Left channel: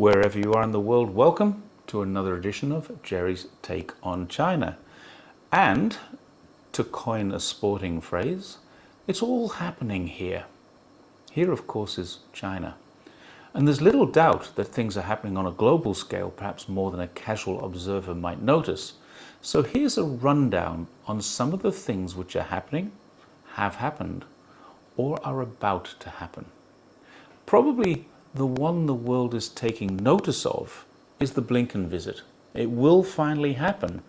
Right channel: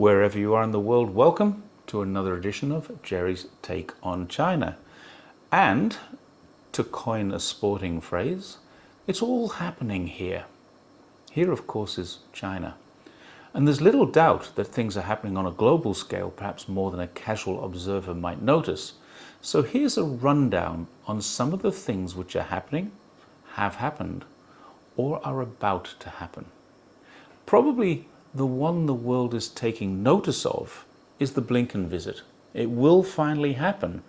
Wherever you are in the world, welcome to another edition of Jerry's Take on China. And, to coin a sporting phrase, it's all happening here. Here, of course, is China. And there's little doubt that things are happening on a global scale, perhaps more than a casual observer might notice. So here's a rundown on some of the things which are happening, have happened, or are about to happen. Probably the one the world is taking notice of is the Blinken visit. It will finally happen,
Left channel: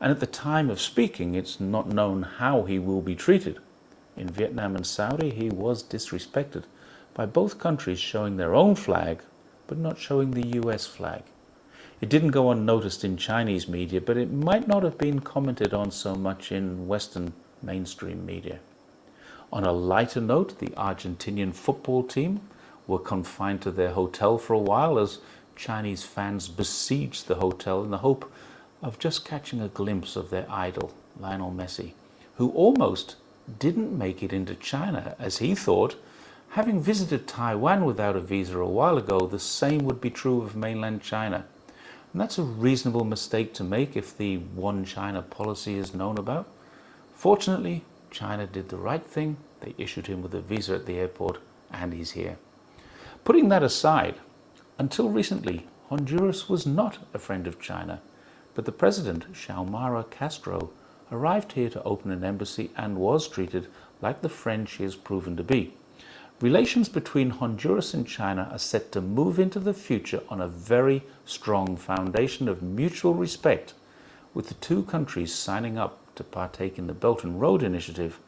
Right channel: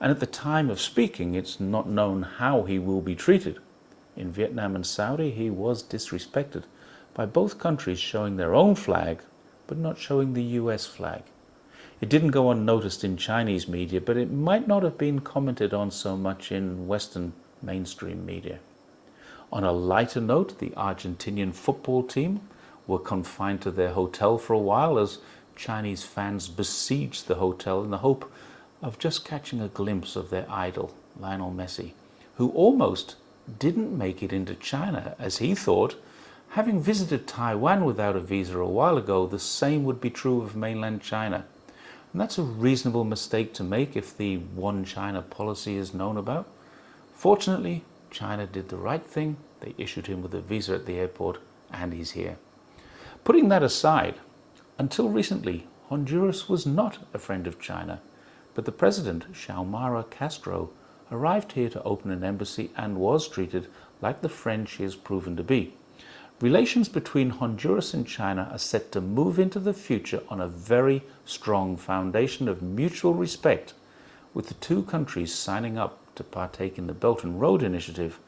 and at the time of speaking, it's not known how he will be treated. In Vietnam and Saudi, he was disrespected by both countries showing their own flag, but not showing the US flag. It didn't go unnoticed in Chinese media, but it might not have been commented on so much in Western mainstream media. On a lighter note, the Argentinian football team were confined to their hotel for a while as Chinese fans besieged the hotel in the hope of just catching a glimpse of their idol, Lionel Messi, who almost didn't make it into China as he thought, having visited Taiwan without a visa a while ago, the same would be true of mainland China. And that's a reasonable mistake to make if the one China policy is known about. Fortunately, China did the right thing. They issued him with a visa at the airport, and he's here. Putting that aside, until recently, Honduras was not a friend of China, but the president, Xiomara Castro, arrived here to open an embassy and was treated like the friend she has proven to be. Relations between Honduras and China are set to move into the future on a very strong foundation of mutual respect, with the two countries signing up to partake in the Belt and Road Initiative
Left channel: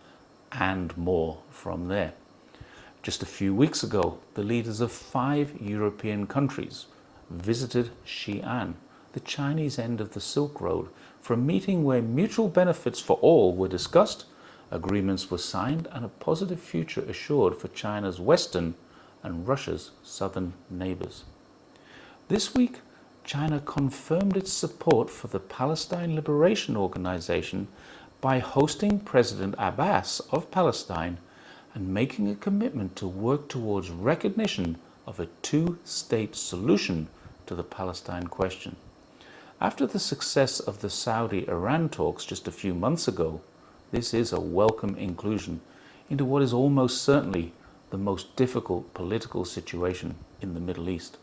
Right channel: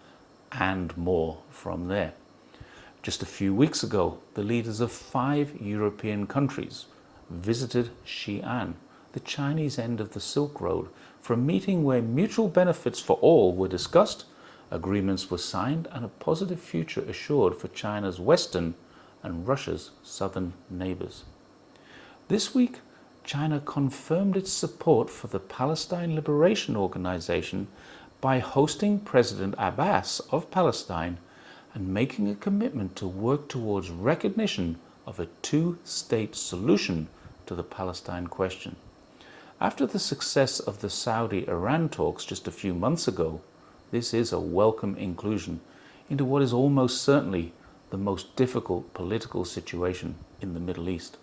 and more from there. Just a few weeks ago, the leaders of 5 European countries visited Xi'an, the Chinese end of the Silk Road, for a meeting where mutual benefits for all were discussed, agreements were signed, and a positive future assured for China's western and Russia's southern neighbors. This week, China confirmed its support for the Palestine Liberation Organization by hosting President Abbas of Palestine and making a commitment to work towards recognition of a two-state solution to the Palestine question. After the success of the Saudi-Iran talks just a few months ago, this is a welcome inclusion into what is almost certainly the most difficult political situation in the Middle East.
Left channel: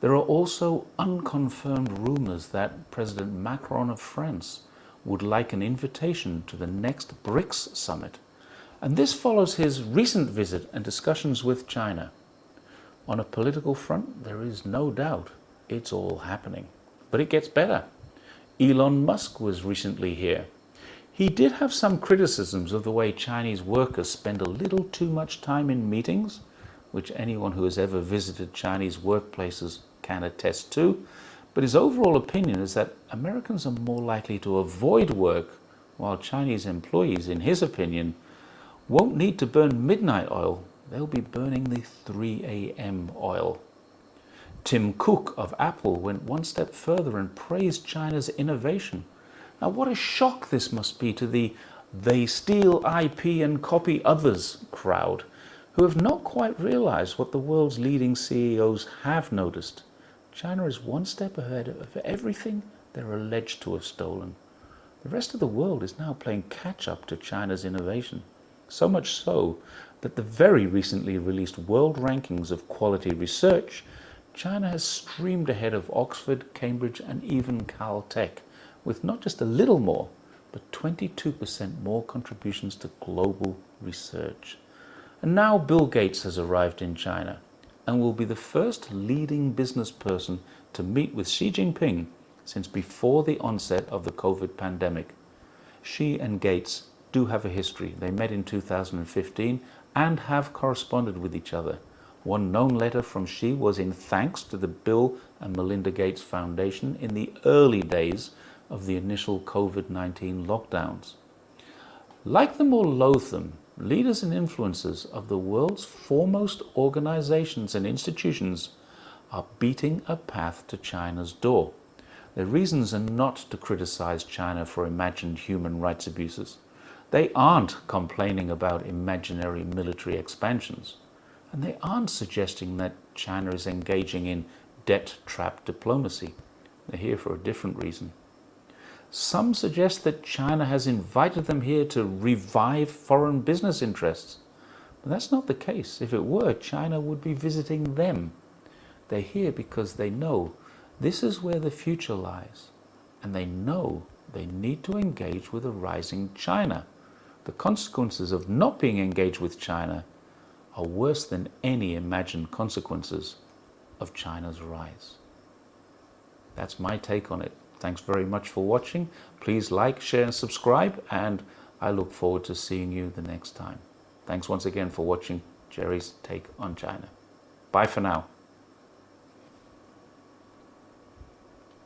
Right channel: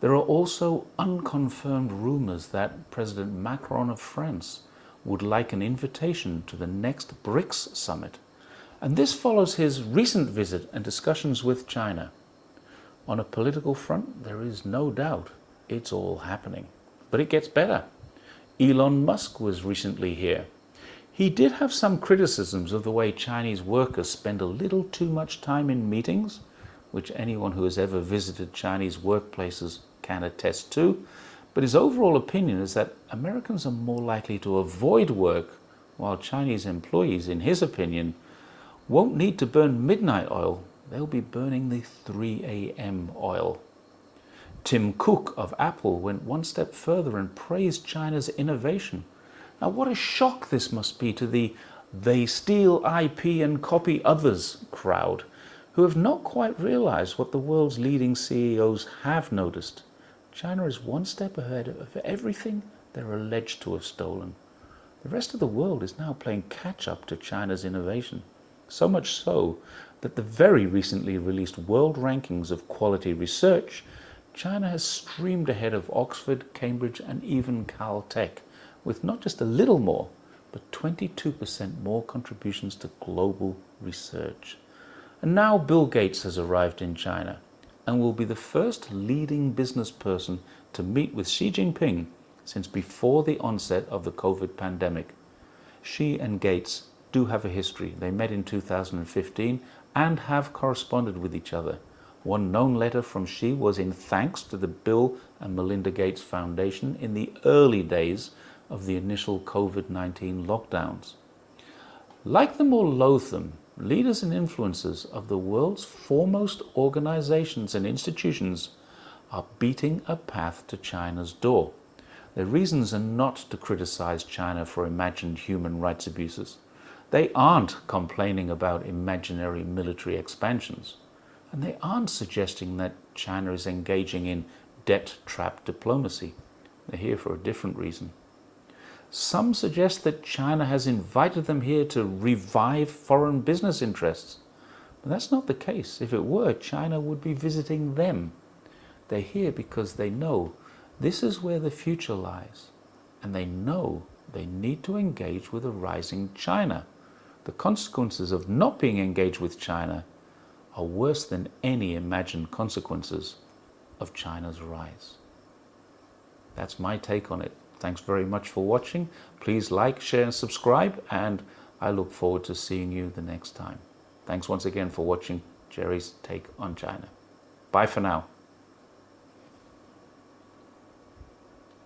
There are also unconfirmed rumors that President Macron of France would like an invitation to the next BRICS summit, and this follows his recent visit and discussions with China. On a political front, there is no doubt it's all happening. But it gets better. Elon Musk was recently here. He did have some criticisms of the way Chinese workers spend a little too much time in meetings, which anyone who has ever visited Chinese workplaces can attest to. But his overall opinion is that Americans are more likely to avoid work, while Chinese employees, in his opinion, won't need to burn midnight oil. They'll be burning the 3 a.m. oil. Tim Cook of Apple went one step further and praised China's innovation. Now, what a shock this must be to the "they steal IP and copy others" crowd, who have not quite realized what the world's leading CEOs have noticed. China is one step ahead of everything they're alleged to have stolen. The rest of the world is now playing catch-up to China's innovation. So much so that the very recently released world rankings of quality research, China has streamed ahead of Oxford, Cambridge, and even Caltech, with not just a little more, but 22% more contributions to global research. And now Bill Gates has arrived in China and will be the first leading business person to meet with Xi Jinping since before the onset of the COVID pandemic. Xi and Gates do have a history. They met in 2015 and have corresponded with each other. One known letter from Xi was in thanks to the Bill and Melinda Gates Foundation in the early days of the initial COVID-19 lockdowns. Like them or loathe them, leaders and influencers of the world's foremost organizations and institutions are beating a path to China's door. Their reasons are not to criticize China for imagined human rights abuses. They aren't complaining about imaginary military expansions. And they aren't suggesting that China is engaging in debt trap diplomacy. They're here for a different reason. Some suggest that China has invited them here to revive foreign business interests. But that's not the case. If it were, China would be visiting them. They're here because they know this is where the future lies. And they know they need to engage with a rising China. The consequences of not being engaged with China are worse than any imagined consequences of China's rise. That's my take on it. Thanks very much for watching. Please like, share, and subscribe, and I look forward to seeing you the next time. Thanks once again for watching Jerry's Take on China. Bye for now.